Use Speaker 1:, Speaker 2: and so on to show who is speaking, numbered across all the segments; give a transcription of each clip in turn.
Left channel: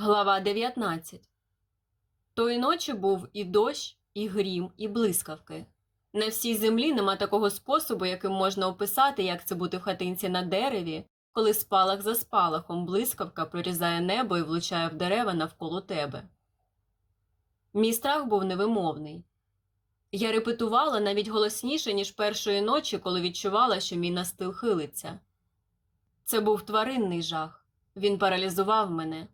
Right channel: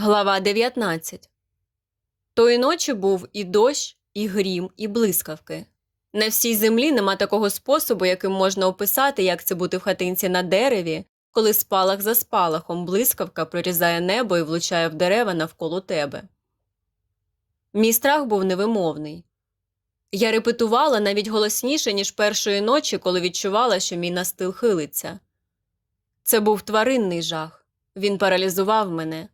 Speaker 1: Глава 19 Тої ночі був і дощ, і грім, і блискавки. На всій землі нема такого способу, яким можна описати, як це бути в хатинці на дереві, коли спалах за спалахом блискавка прорізає небо і влучає в дерева навколо тебе. Мій страх був невимовний. Я репетувала навіть голосніше, ніж першої ночі, коли відчувала, що мій настил хилиться. Це був тваринний жах. Він паралізував мене.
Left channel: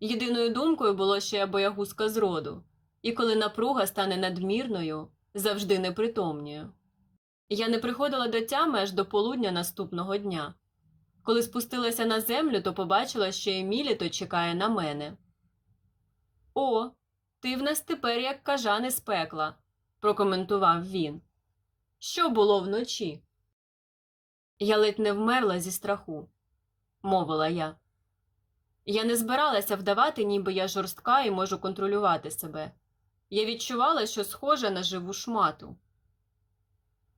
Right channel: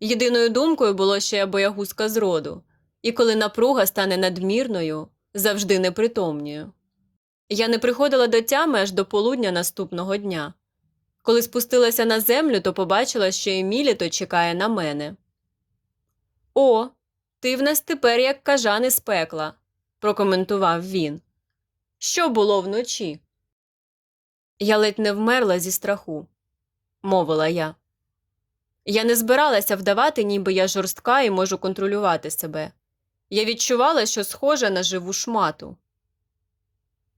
Speaker 1: Єдиною думкою було, я боягузка з роду, і коли напруга стане надмірною, завжди непритомнюю. Я не приходила до тями аж до полудня наступного дня. Коли спустилася на землю, то побачила, що Еміліто чекає на мене. О, ти в нас тепер як кажан із пекла, прокоментував він. Що було вночі? Я ледь не вмерла зі страху, мовила я. Я не збиралася вдавати, ніби я жорстка і можу контролювати себе. Я відчувала, що схожа на живу шмату.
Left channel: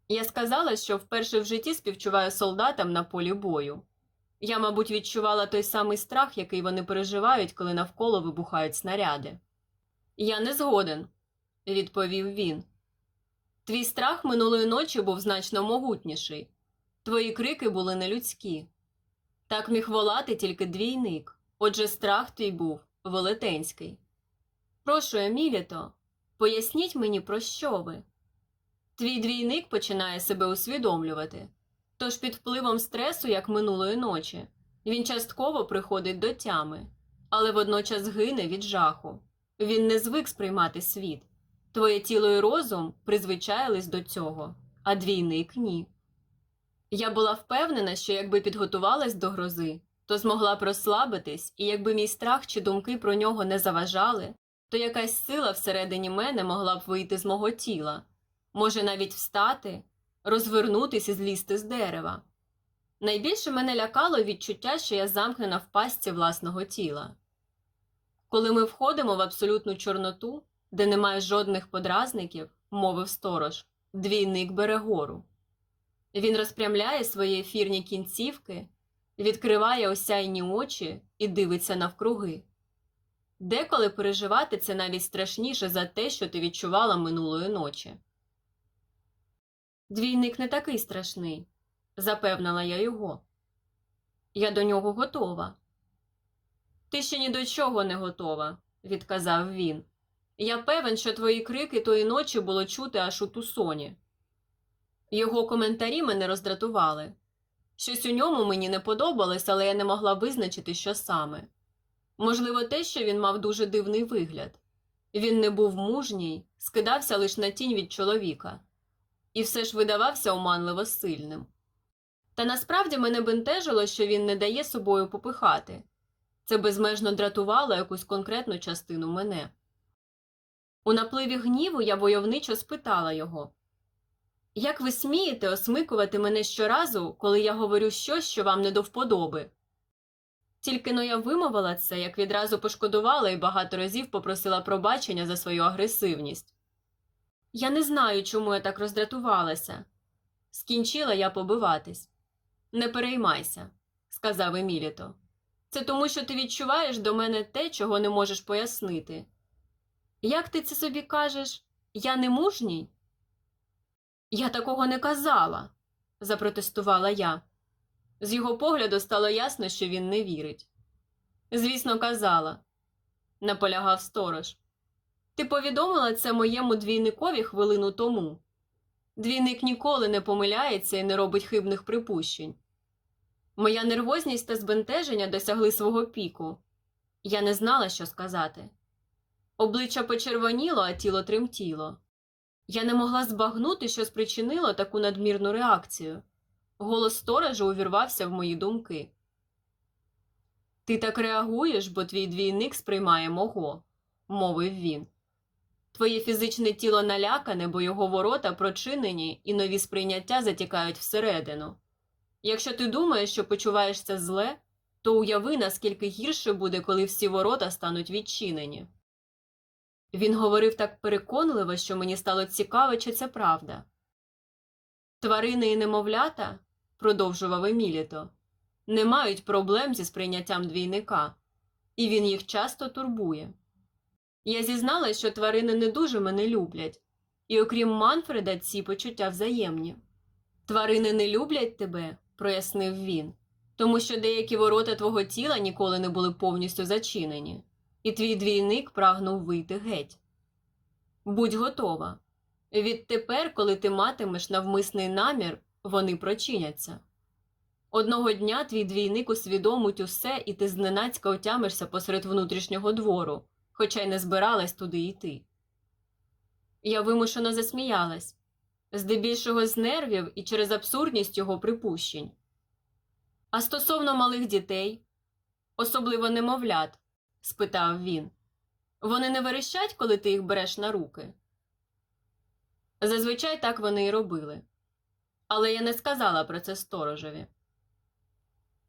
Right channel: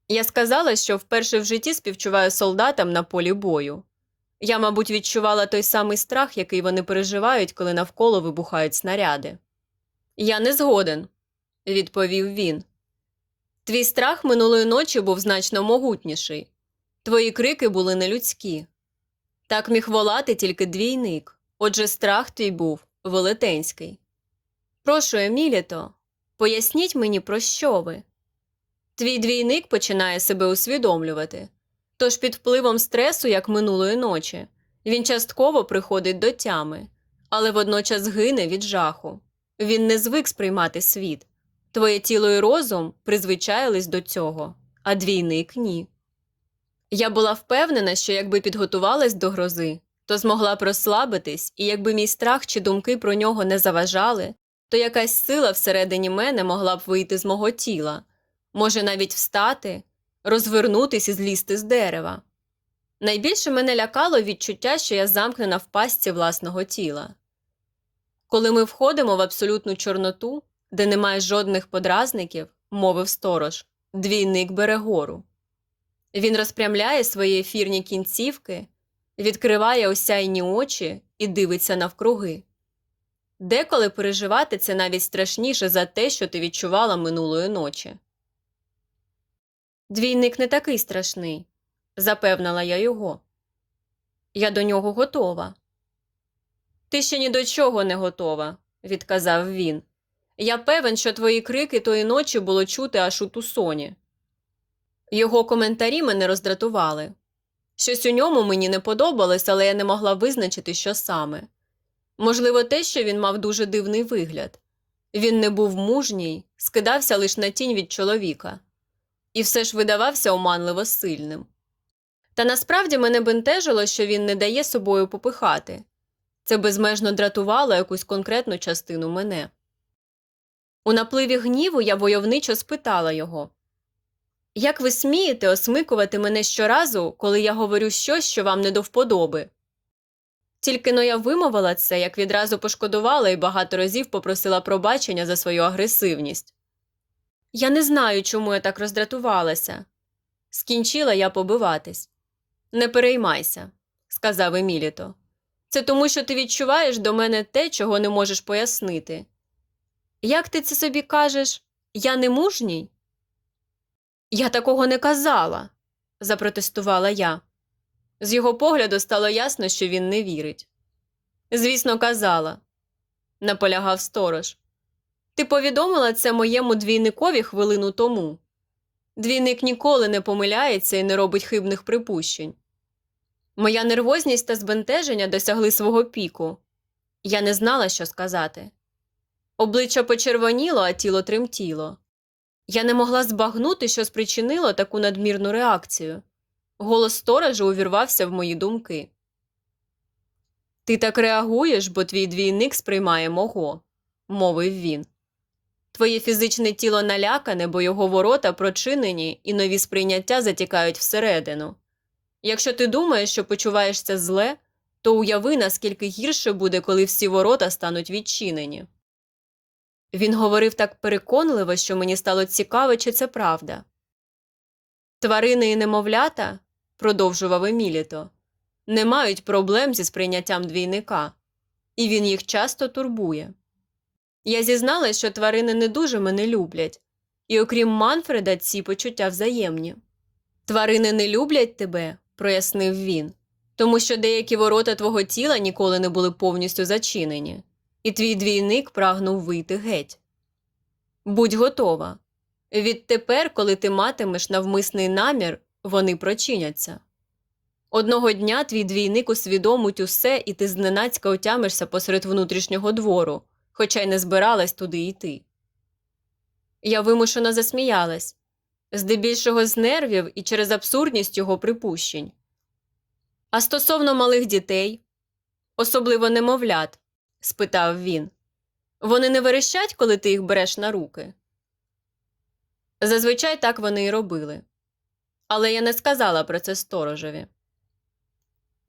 Speaker 1: Я сказала, що вперше в житті співчуваю солдатам на полі бою. Я, мабуть, відчувала той самий страх, який вони переживають, коли навколо вибухають снаряди. Я не згоден, відповів він. Твій страх минулої ночі був значно могутніший. Твої крики були нелюдські. Так міг волати тільки двійник. Отже, страх твій був велетенський. Прошу, Еміліто, поясніть мені, про що ви. Твій двійник починає себе усвідомлювати. Тож під впливом стресу, як минулої ночі, він частково приходить до тями, але водночас гине від жаху. Він не звик сприймати світ. Твоє тіло і розум призвичаїлись до цього, а двійник ні. Я була впевнена, що якби підготувалась до грози, то змогла б розслабитись, і якби мій страх чи думки про нього не заважали, то якась сила всередині мене могла б вийти з мого тіла, може навіть встати, розвернутись і злізти з дерева. Найбільше мене лякало відчуття, що я замкнена в пастці власного тіла. Коли ми входимо в абсолютну чорноту, де немає жодних подразників, мовив сторож, двійник бере гору. Він розпрямляє свої ефірні кінцівки відкриває осяйні очі і дивиться навкруги. Деколи переживати це навіть страшніше за те, що ти відчувала минулої ночі. Двійник не такий страшний, запевнила я його. Я до нього готова. Ти ще ні до чого не готова, відказав він. Я певен, що твої крики тої ночі було чути аж у тусоні. Його коментарі мене роздратували. Щось у ньому мені не подобалось, але я не могла визначити, що саме. Можливо, те, що він мав дуже дивний вигляд. Він не був мужній, скидався лише на тінь від чоловіка, і все ж видавався оманливо сильним. Та насправді мене бентежило, що він не дає собою попихати це безмежно дратувало якусь конкретну частину мене. У напливі гніву я войовничо спитала його як ви смієте осмикувати мене щоразу, коли я говорю щось, що вам не до вподоби? Тільки но я вимовила це, як відразу пошкодувала і багато разів попросила пробачення за свою агресивність. Я не знаю, чому я так роздратувалася. Скінчила я побиватись. Не переймайся, сказав Еміліто. Це тому, що ти відчуваєш до мене те, чого не можеш пояснити. Як ти це собі кажеш, я не мужній? Я такого не казала, запротестувала я. З його погляду стало ясно, що він не вірить. Звісно, казала, наполягав сторож. Ти повідомила це моєму двійникові хвилину тому. Двійник ніколи не помиляється і не робить хибних припущень. Моя нервозність та збентеження досягли свого піку. Я не знала, що сказати. Обличчя почервоніло, а тіло тремтіло. Я не могла збагнути, що спричинило таку надмірну реакцію. Голос сторожа увірвався в мої думки. Ти так реагуєш, бо твій двійник сприймає мого, мовив він. Твоє фізичне тіло налякане, бо його ворота прочинені і нові сприйняття затікають всередину. Якщо ти думаєш, що почуваєшся зле, то уяви, наскільки гірше буде, коли всі ворота стануть відчинені. Він говорив так переконливо, що мені стало цікаво, чи це правда. Тварини і немовлята, продовжував Еміліто, не мають проблем зі сприйняттям двійника. і він їх часто турбує. Я зізналась, що тварини не дуже мене люблять, і окрім Манфреда, ці почуття взаємні. Тварини не люблять тебе, прояснив він, тому що деякі ворота твого тіла ніколи не були повністю зачинені, і твій двійник прагнув вийти геть. Будь готова. Відтепер, коли ти матимеш навмисний намір, вони прочиняться. Одного дня твій двійник усвідомить усе, і ти зненацька отямишся посеред внутрішнього двору, хоча й не збиралась туди йти. Я вимушено засміялась, здебільшого з нервів і через абсурдність його припущень. А стосовно малих дітей, особливо немовлят, спитав він, вони не верещать, коли ти їх береш на руки? Зазвичай так вони і робили. Але я не сказала про це сторожеві.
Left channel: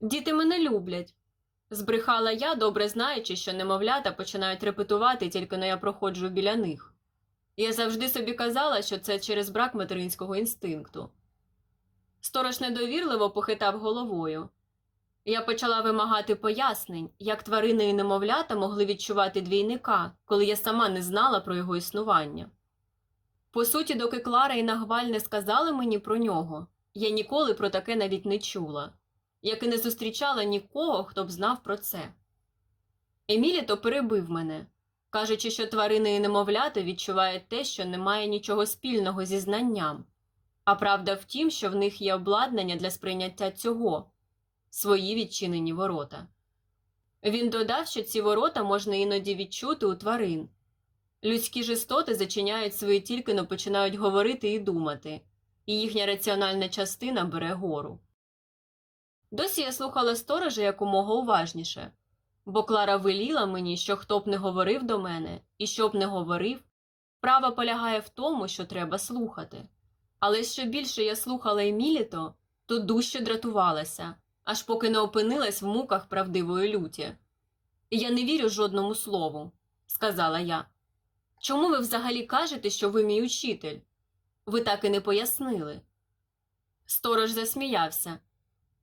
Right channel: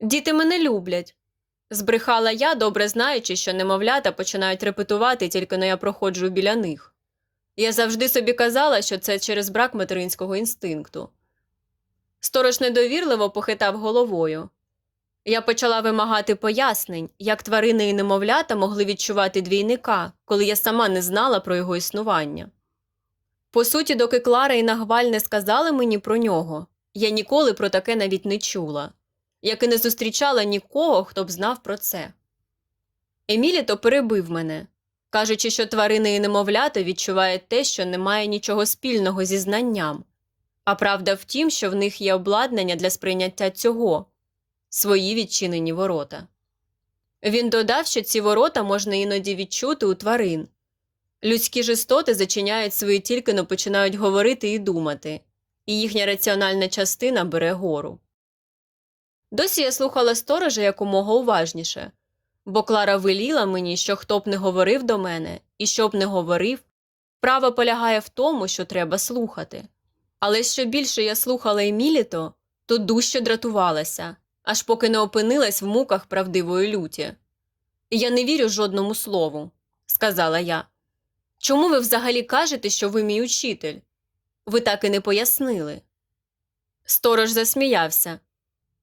Speaker 1: Діти мене люблять, збрехала я, добре знаючи, що немовлята починають репетувати, тільки но я проходжу біля них. Я завжди собі казала, що це через брак материнського інстинкту. Сторож недовірливо похитав головою. Я почала вимагати пояснень, як тварини і немовлята могли відчувати двійника, коли я сама не знала про його існування. По суті, доки Клара і Нагваль не сказали мені про нього, я ніколи про таке навіть не чула, як і не зустрічала нікого, хто б знав про це. Еміліто перебив мене, кажучи, що тварини і немовлята відчувають те, що немає нічого спільного зі знанням, а правда в тім, що в них є обладнання для сприйняття цього свої відчинені ворота. Він додав, що ці ворота можна іноді відчути у тварин. Людські ж зачиняють свої тільки но починають говорити і думати, і їхня раціональна частина бере гору. Досі я слухала сторожа якомога уважніше, бо Клара веліла мені, що хто б не говорив до мене і що б не говорив, право полягає в тому, що треба слухати. Але що більше я слухала Еміліто, то дужче дратувалася, аж поки не опинилась в муках правдивої люті. Я не вірю жодному слову, сказала я. Чому ви взагалі кажете, що ви мій учитель? Ви так і не пояснили. Сторож засміявся.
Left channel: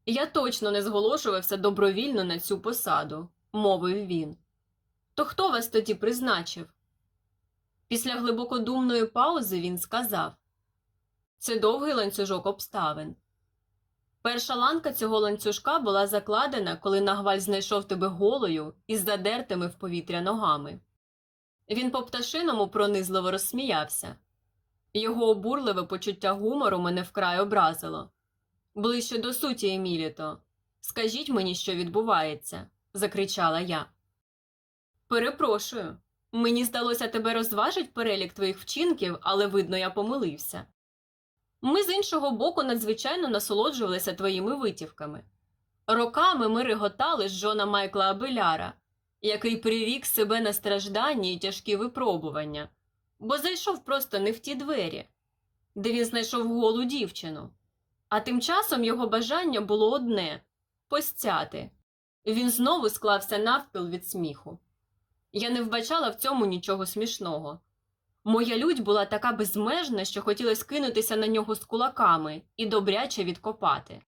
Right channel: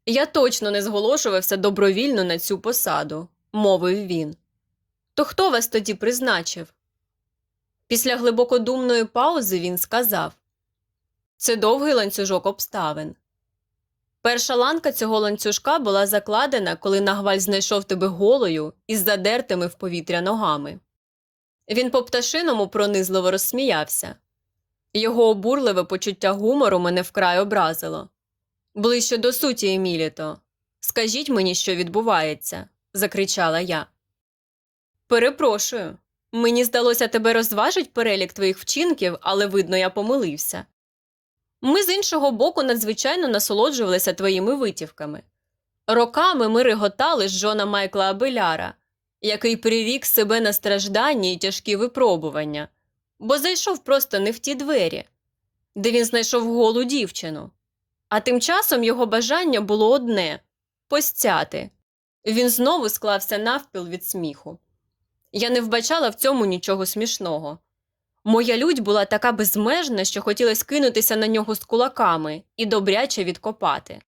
Speaker 1: Я точно не зголошувався добровільно на цю посаду, мовив він. То хто вас тоді призначив? Після глибокодумної паузи він сказав Це довгий ланцюжок обставин. Перша ланка цього ланцюжка була закладена, коли нагваль знайшов тебе голою із задертими в повітря ногами. Він по пташиному пронизливо розсміявся. Його обурливе почуття гумору мене вкрай образило. Ближче до суті, Еміліто. Скажіть мені, що відбувається, закричала я. Перепрошую. Мені здалося, тебе розважить перелік твоїх вчинків, але видно, я помилився. Ми з іншого боку надзвичайно насолоджувалися твоїми витівками. Роками ми реготали з Джона Майкла Абеляра, який прирік себе на страждання і тяжкі випробування, бо зайшов просто не в ті двері, де він знайшов голу дівчину. А тим часом його бажання було одне постяти. Він знову склався навпіл від сміху. Я не вбачала в цьому нічого смішного. Моя лють була така безмежна, що хотілося кинутися на нього з кулаками і добряче відкопати.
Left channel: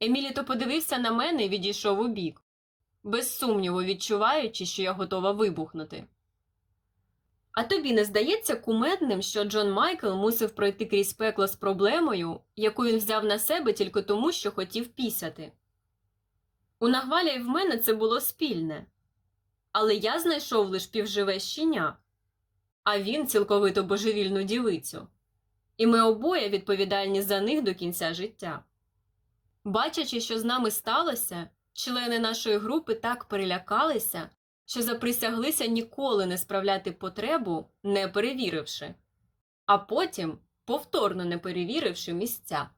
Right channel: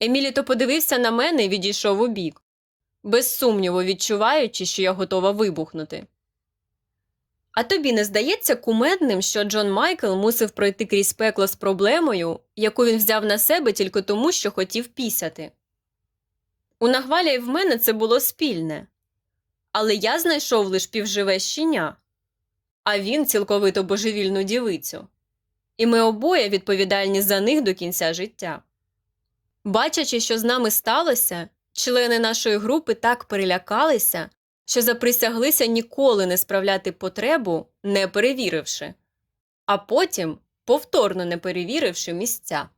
Speaker 1: Еміліто подивився на мене і відійшов у бік, без сумніву відчуваючи, що я готова вибухнути. А тобі не здається кумедним, що Джон Майкл мусив пройти крізь пекло з проблемою, яку він взяв на себе тільки тому, що хотів пісяти? У Нагваля і в мене це було спільне. Але я знайшов лиш півживе щеня, а він цілковито божевільну дівицю. І ми обоє відповідальні за них до кінця життя. Бачачи, що з нами сталося, члени нашої групи так перелякалися, що заприсяглися ніколи не справляти потребу, не перевіривши, а потім повторно не перевіривши місця.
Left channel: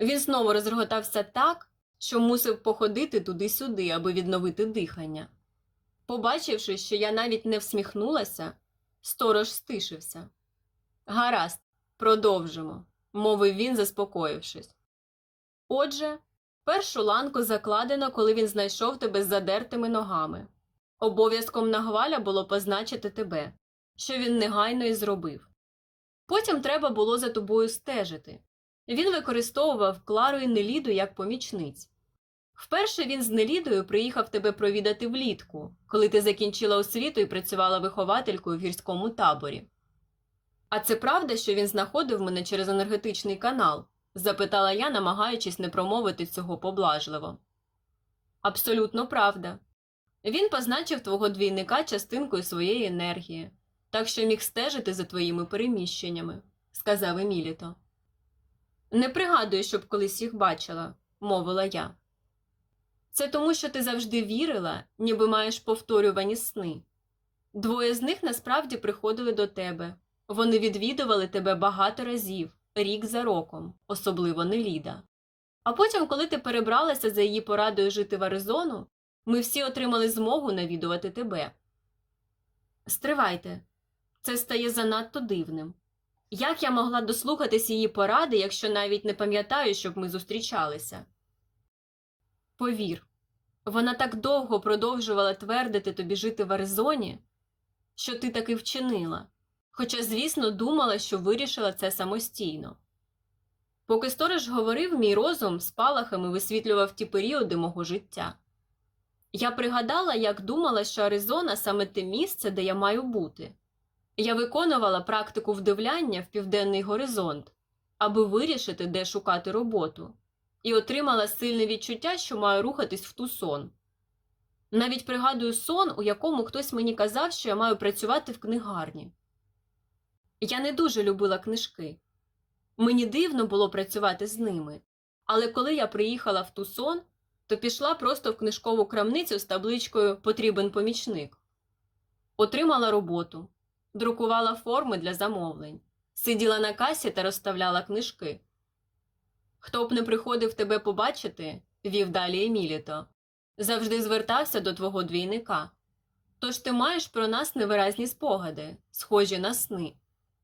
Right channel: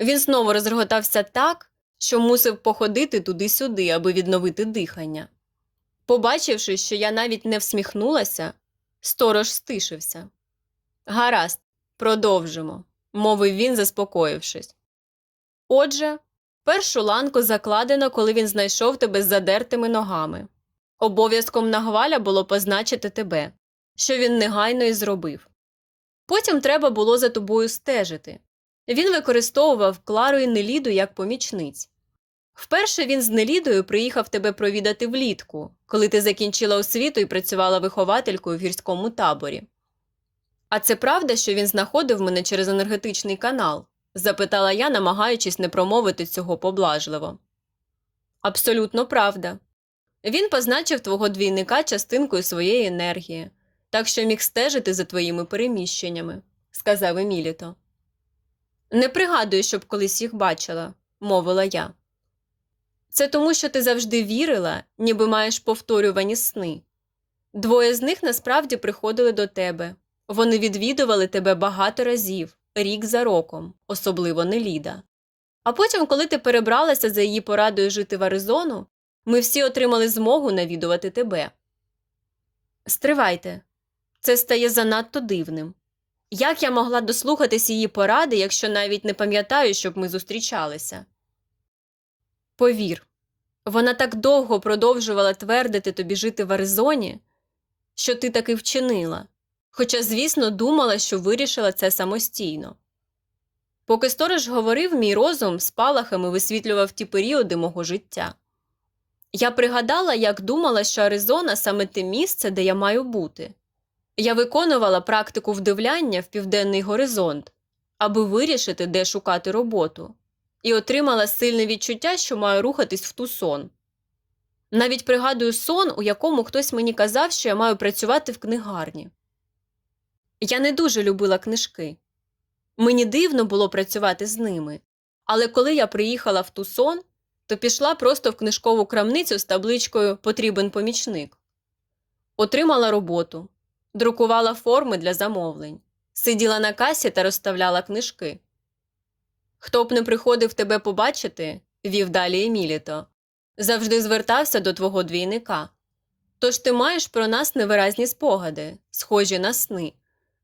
Speaker 1: Він знову розреготався так, що мусив походити туди-сюди, аби відновити дихання. Побачивши, що я навіть не всміхнулася, сторож стишився. Гаразд, продовжимо, мовив він, заспокоївшись. Отже, першу ланку закладено, коли він знайшов тебе з задертими ногами. Обов'язком нагваля було позначити тебе, що він негайно і зробив. Потім треба було за тобою стежити. Він використовував Клару і Неліду як помічниць. Вперше він з Нелідою приїхав тебе провідати влітку, коли ти закінчила освіту і працювала вихователькою в гірському таборі. А це правда, що він знаходив мене через енергетичний канал? запитала я, намагаючись не промовити цього поблажливо. Абсолютно правда. Він позначив твого двійника частинкою своєї енергії, так що міг стежити за твоїми переміщеннями, сказав Еміліто. Не пригадую, щоб колись їх бачила, мовила я. Це тому, що ти завжди вірила, ніби маєш повторювані сни. Двоє з них насправді приходили до тебе. Вони відвідували тебе багато разів, рік за роком, особливо Неліда. А потім, коли ти перебралася за її порадою жити в Аризону, ми всі отримали змогу навідувати тебе. Стривайте, це стає занадто дивним. Як я могла дослухатись її поради, якщо навіть не пам'ятаю, щоб ми зустрічалися? Повір, вона так довго продовжувала твердити тобі жити в Аризоні, що ти таки вчинила, хоча, звісно, думала, що вирішила це самостійно. Поки сторож говорив, мій розум спалахами висвітлював ті періоди мого життя. Я пригадала, як думала, що Аризона саме те місце, де я маю бути. Я виконувала практику вдивляння в південний горизонт, аби вирішити, де шукати роботу, і отримала сильне відчуття, що маю рухатись в Тусон. Навіть пригадую сон, у якому хтось мені казав, що я маю працювати в книгарні. Я не дуже любила книжки. Мені дивно було працювати з ними, але коли я приїхала в Тусон, то пішла просто в книжкову крамницю з табличкою Потрібен помічник. Отримала роботу, друкувала форми для замовлень, сиділа на касі та розставляла книжки. Хто б не приходив тебе побачити, вів далі Еміліто, завжди звертався до твого двійника. Тож ти маєш про нас невиразні спогади, схожі на сни,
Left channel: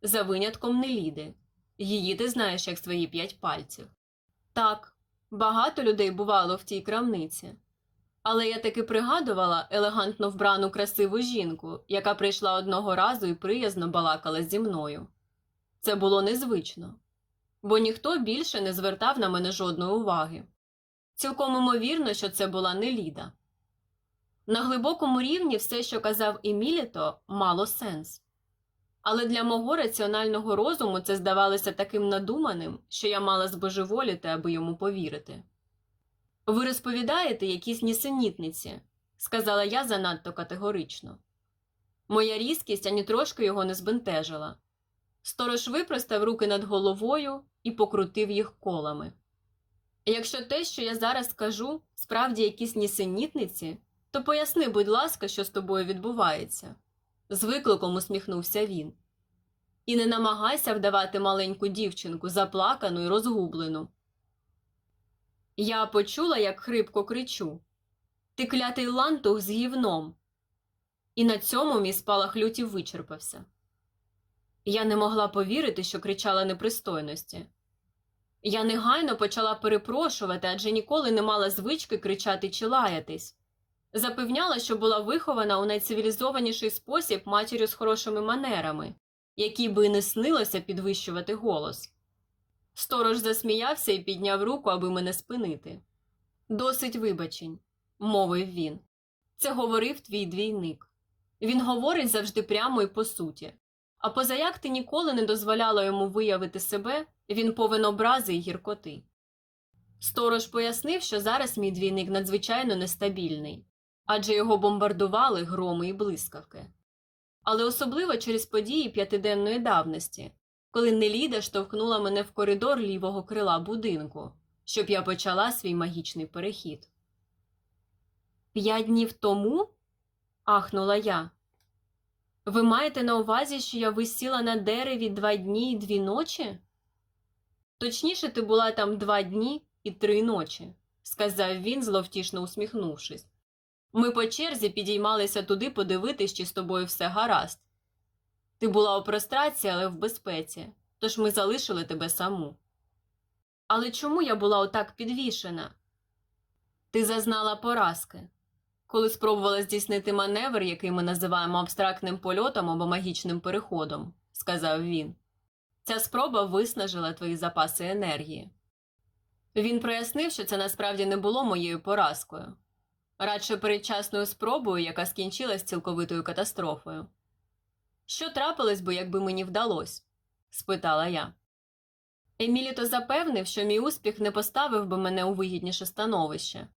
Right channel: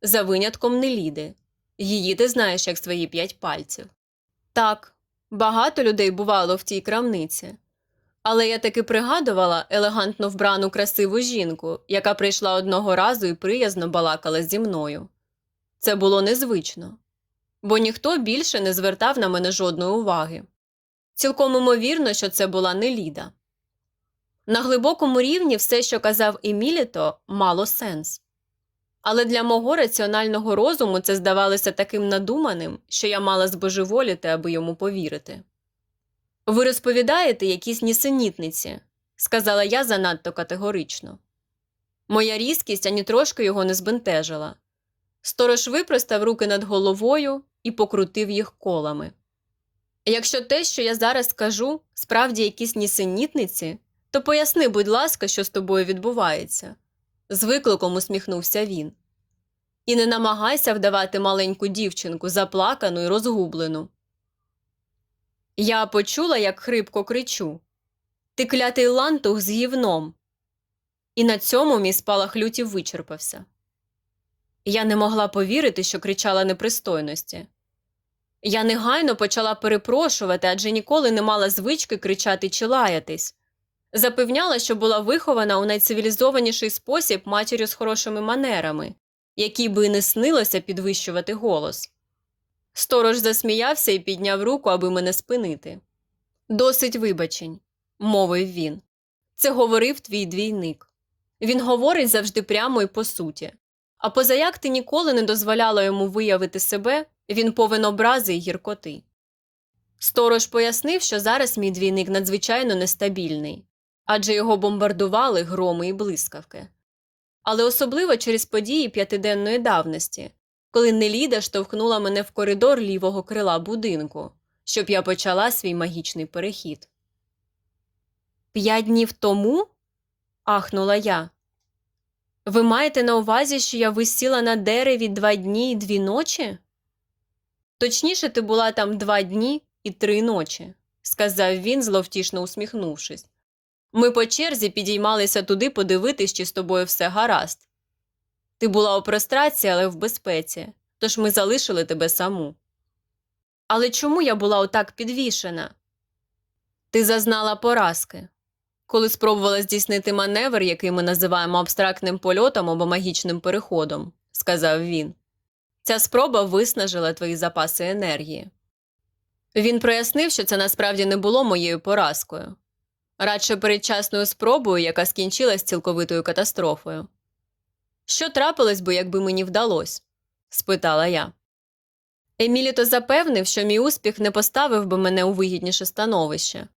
Speaker 1: за винятком Неліди. Її ти знаєш як свої п'ять пальців. Так, багато людей бувало в тій крамниці. Але я таки пригадувала елегантно вбрану красиву жінку, яка прийшла одного разу і приязно балакала зі мною. Це було незвично, бо ніхто більше не звертав на мене жодної уваги. Цілком імовірно, що це була не Ліда. На глибокому рівні все, що казав Еміліто, мало сенс. Але для мого раціонального розуму це здавалося таким надуманим, що я мала збожеволіти, аби йому повірити. Ви розповідаєте якісь нісенітниці, сказала я занадто категорично. Моя різкість ані трошки його не збентежила. Сторож випростав руки над головою і покрутив їх колами. Якщо те, що я зараз скажу, справді якісь нісенітниці, то поясни, будь ласка, що з тобою відбувається. З викликом усміхнувся він. І не намагайся вдавати маленьку дівчинку, заплакану і розгублену. Я почула, як хрипко кричу Ти клятий лантух з гівном. І на цьому мій спалах люті вичерпався. Я не могла повірити, що кричала непристойності. Я негайно почала перепрошувати, адже ніколи не мала звички кричати чи лаятись. Запевняла, що була вихована у найцивілізованіший спосіб матір'ю з хорошими манерами, якій би не снилося підвищувати голос. Сторож засміявся і підняв руку, аби мене спинити. Досить вибачень, мовив він. Це говорив твій двійник. Він говорить завжди прямо і по суті. А позаяк ти ніколи не дозволяла йому виявити себе, він повен образи й гіркоти. Сторож пояснив, що зараз мій двійник надзвичайно нестабільний, адже його бомбардували громи і блискавки. Але особливо через події п'ятиденної давності, коли Неліда штовхнула мене в коридор лівого крила будинку, щоб я почала свій магічний перехід. П'ять днів тому? ахнула я. Ви маєте на увазі, що я висіла на дереві два дні і дві ночі? Точніше, ти була там два дні і три ночі, сказав він, зловтішно усміхнувшись. Ми по черзі підіймалися туди подивитись, чи з тобою все гаразд. Ти була у прострації, але в безпеці, тож ми залишили тебе саму. Але чому я була отак підвішена? Ти зазнала поразки, коли спробувала здійснити маневр, який ми називаємо абстрактним польотом або магічним переходом, сказав він. Ця спроба виснажила твої запаси енергії. Він прояснив, що це насправді не було моєю поразкою, радше передчасною спробою, яка скінчилась цілковитою катастрофою. Що трапилось би, якби мені вдалося? спитала я. Еміліто запевнив, що мій успіх не поставив би мене у вигідніше становище,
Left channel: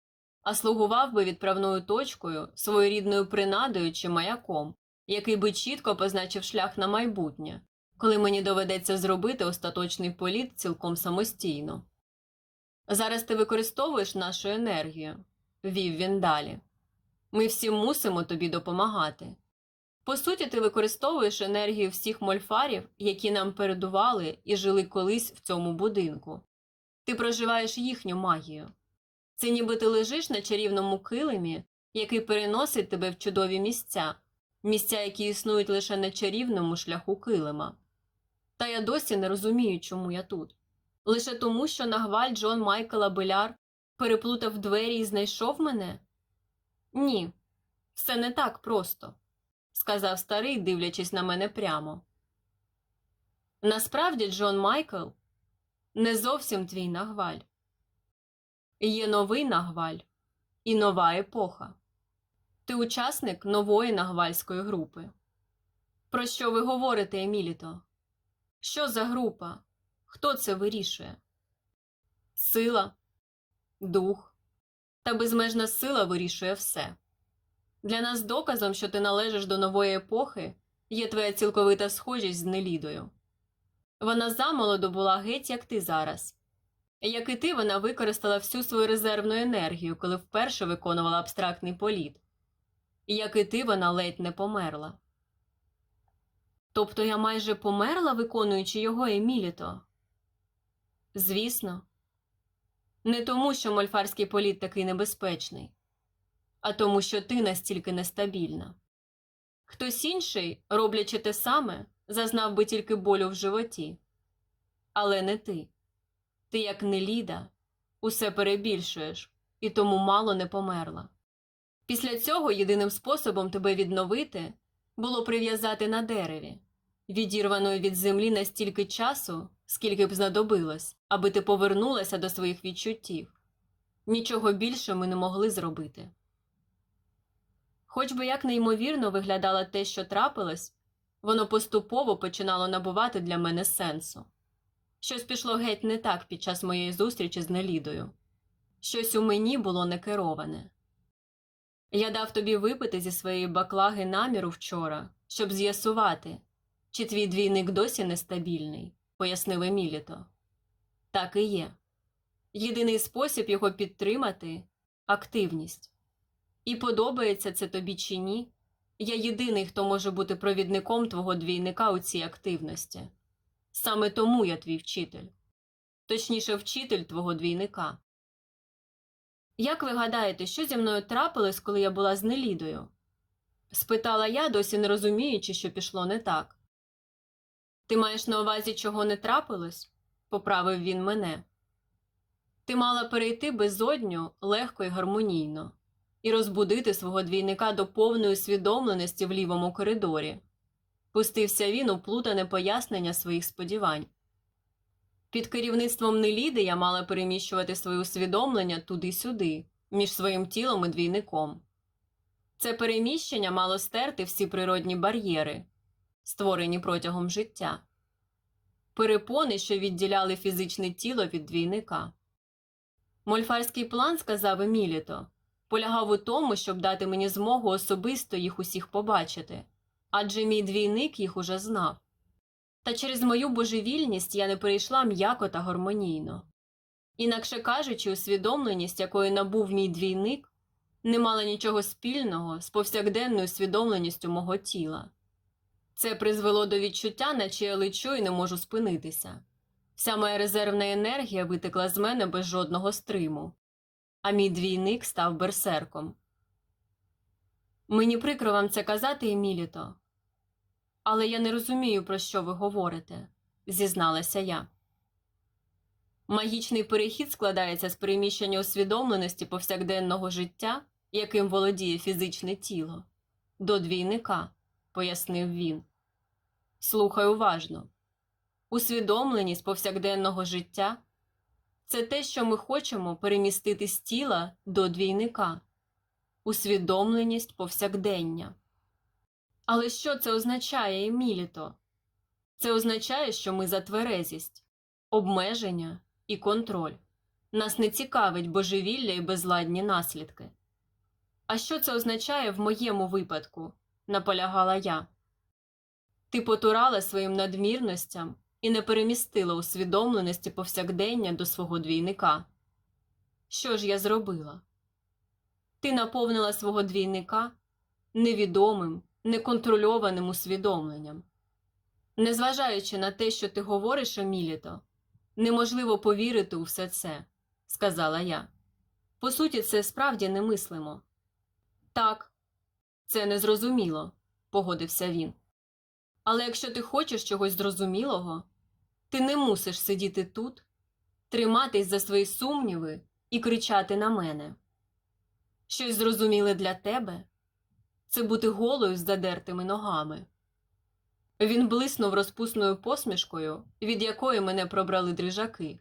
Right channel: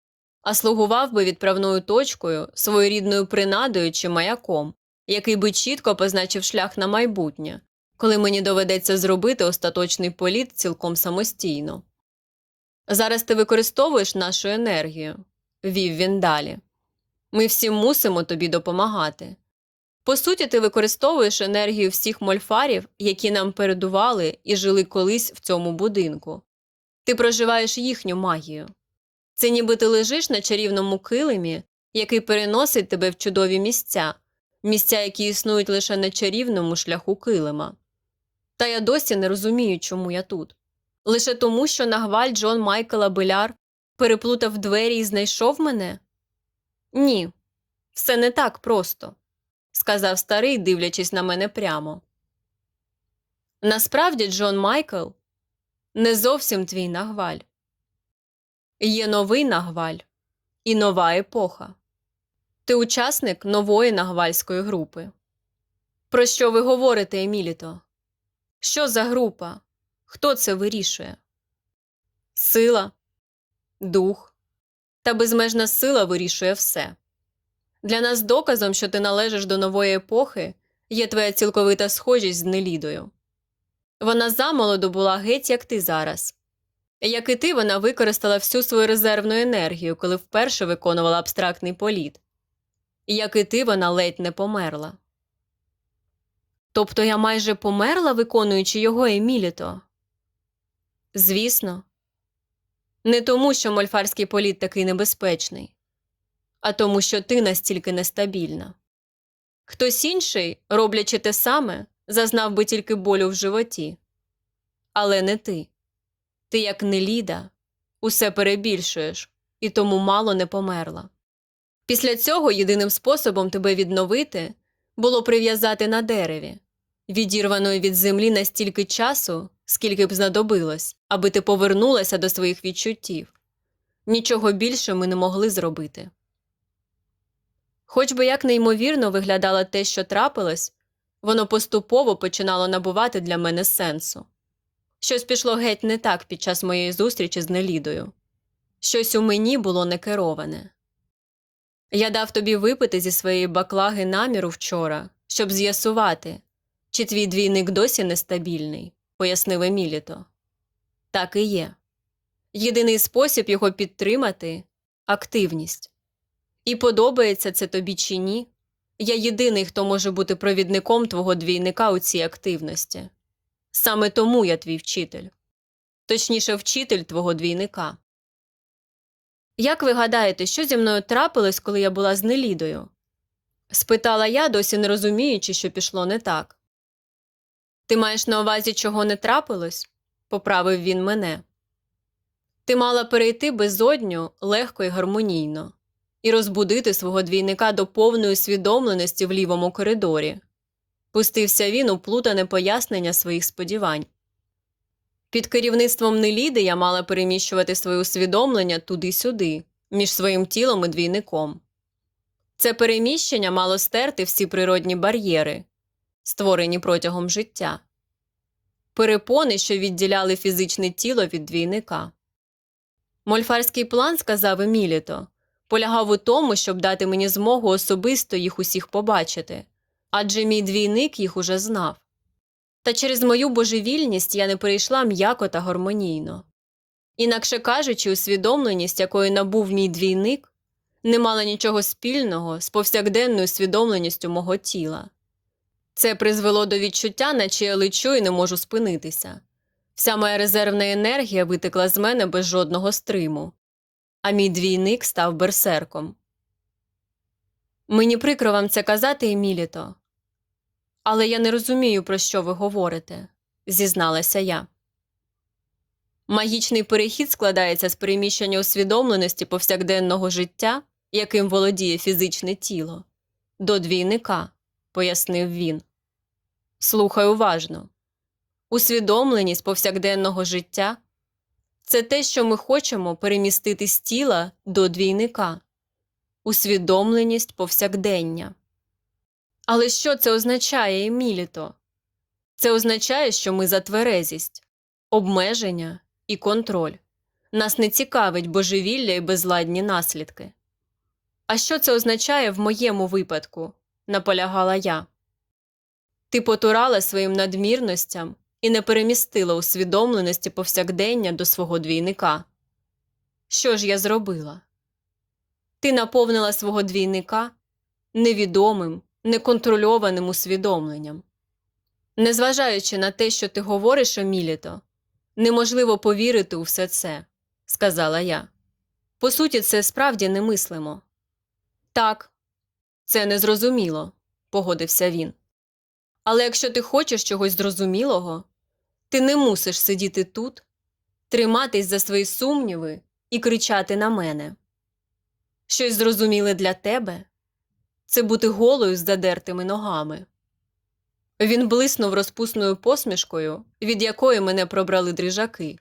Speaker 1: а слугував би відправною точкою, своєрідною принадою чи маяком, який би чітко позначив шлях на майбутнє, коли мені доведеться зробити остаточний політ цілком самостійно. Зараз ти використовуєш нашу енергію, вів він далі. Ми всі мусимо тобі допомагати. По суті, ти використовуєш енергію всіх мольфарів, які нам передували і жили колись в цьому будинку. Ти проживаєш їхню магію. Це ніби ти лежиш на чарівному килимі, який переносить тебе в чудові місця, місця, які існують лише на чарівному шляху килима. Та я досі не розумію, чому я тут. Лише тому, що нагваль Джон Майкла Беляр переплутав двері і знайшов мене? Ні, все не так просто, сказав старий, дивлячись на мене прямо. Насправді, Джон Майкл не зовсім твій нагваль. Є новий нагваль і нова епоха. Ти учасник нової нагвальської групи. Про що ви говорите, Еміліто? Що за група? Хто це вирішує? Сила, дух та безмежна сила вирішує все. Для нас доказом, що ти належиш до нової епохи, є твоя цілковита схожість з Нелідою. Вона замолоду була геть, як ти зараз. Як і ти, вона використала всю свою резервну енергію, коли вперше виконувала абстрактний політ. Як і ти, вона ледь не померла. Тобто я майже померла, виконуючи його Еміліто? Звісно. Не тому, що мольфарський політ такий небезпечний, а тому, що ти настільки нестабільна. Хтось інший, роблячи те саме, зазнав би тільки болю в животі. Але не ти. Ти, як Неліда, усе перебільшуєш і тому мало не померла. Після цього єдиним способом тебе відновити було прив'язати на дереві, відірваною від землі настільки часу, скільки б знадобилось, аби ти повернулася до своїх відчуттів. Нічого більше ми не могли зробити. Хоч би як неймовірно виглядало те, що трапилось, воно поступово починало набувати для мене сенсу. Щось пішло геть не так під час моєї зустрічі з Нелідою. Щось у мені було некероване. Я дав тобі випити зі своєї баклаги наміру вчора, щоб з'ясувати, чи твій двійник досі нестабільний, пояснив Еміліто. Так і є. Єдиний спосіб його підтримати активність. І подобається це тобі чи ні. Я єдиний, хто може бути провідником твого двійника у цій активності. Саме тому я твій вчитель, точніше, вчитель твого двійника. Як ви гадаєте, що зі мною трапилось, коли я була з Нелідою? спитала я, досі не розуміючи, що пішло не так. Ти маєш на увазі, чого не трапилось? поправив він мене. Ти мала перейти безодню легко і гармонійно і розбудити свого двійника до повної усвідомленості в лівому коридорі. Пустився він у плутане пояснення своїх сподівань. Під керівництвом Неліди я мала переміщувати своє усвідомлення туди-сюди, між своїм тілом і двійником. Це переміщення мало стерти всі природні бар'єри, створені протягом життя, перепони, що відділяли фізичне тіло від двійника. Мольфарський план, сказав Еміліто, полягав у тому, щоб дати мені змогу особисто їх усіх побачити, адже мій двійник їх уже знав. Та через мою божевільність я не перейшла м'яко та гармонійно. Інакше кажучи, усвідомленість, якої набув мій двійник, не мала нічого спільного з повсякденною усвідомленістю мого тіла. Це призвело до відчуття, наче я лечу і не можу спинитися. Вся моя резервна енергія витекла з мене без жодного стриму, а мій двійник став берсерком. Мені прикро вам це казати, Еміліто, але я не розумію, про що ви говорите, зізналася я. Магічний перехід складається з переміщення усвідомленості повсякденного життя, яким володіє фізичне тіло, до двійника, пояснив він. Слухай уважно. Усвідомленість повсякденного життя Це те, що ми хочемо перемістити з тіла до двійника, усвідомленість повсякдення. Але що це означає, Еміліто? Це означає, що ми за тверезість, обмеження і контроль. Нас не цікавить божевілля і безладні наслідки. А що це означає в моєму випадку? наполягала я. Ти потурала своїм надмірностям і не перемістила усвідомленості повсякдення до свого двійника. Що ж я зробила? Ти наповнила свого двійника невідомим, неконтрольованим усвідомленням. Незважаючи на те, що ти говориш, Еміліто, неможливо повірити у все це, сказала я. По суті, це справді немислимо. Так, це незрозуміло, погодився він. Але якщо ти хочеш чогось зрозумілого, ти не мусиш сидіти тут, триматись за свої сумніви і кричати на мене. Щось зрозуміле для тебе це бути голою з задертими ногами. Він блиснув розпусною посмішкою, від якої мене пробрали дрижаки.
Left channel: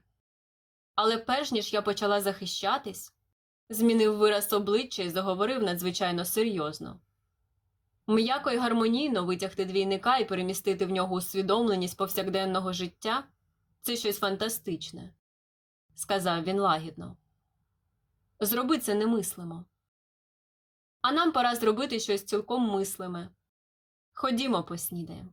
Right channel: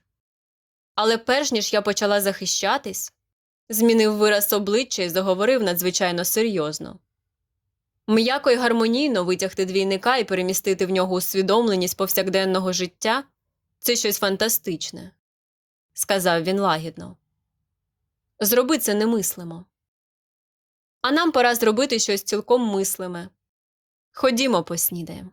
Speaker 1: Але перш ніж я почала захищатись, змінив вираз обличчя і заговорив надзвичайно серйозно. М'яко й гармонійно витягти двійника і перемістити в нього усвідомленість повсякденного життя це щось фантастичне, сказав він лагідно. Зроби це немислимо. А нам пора зробити щось цілком мислиме. Ходімо поснідаємо.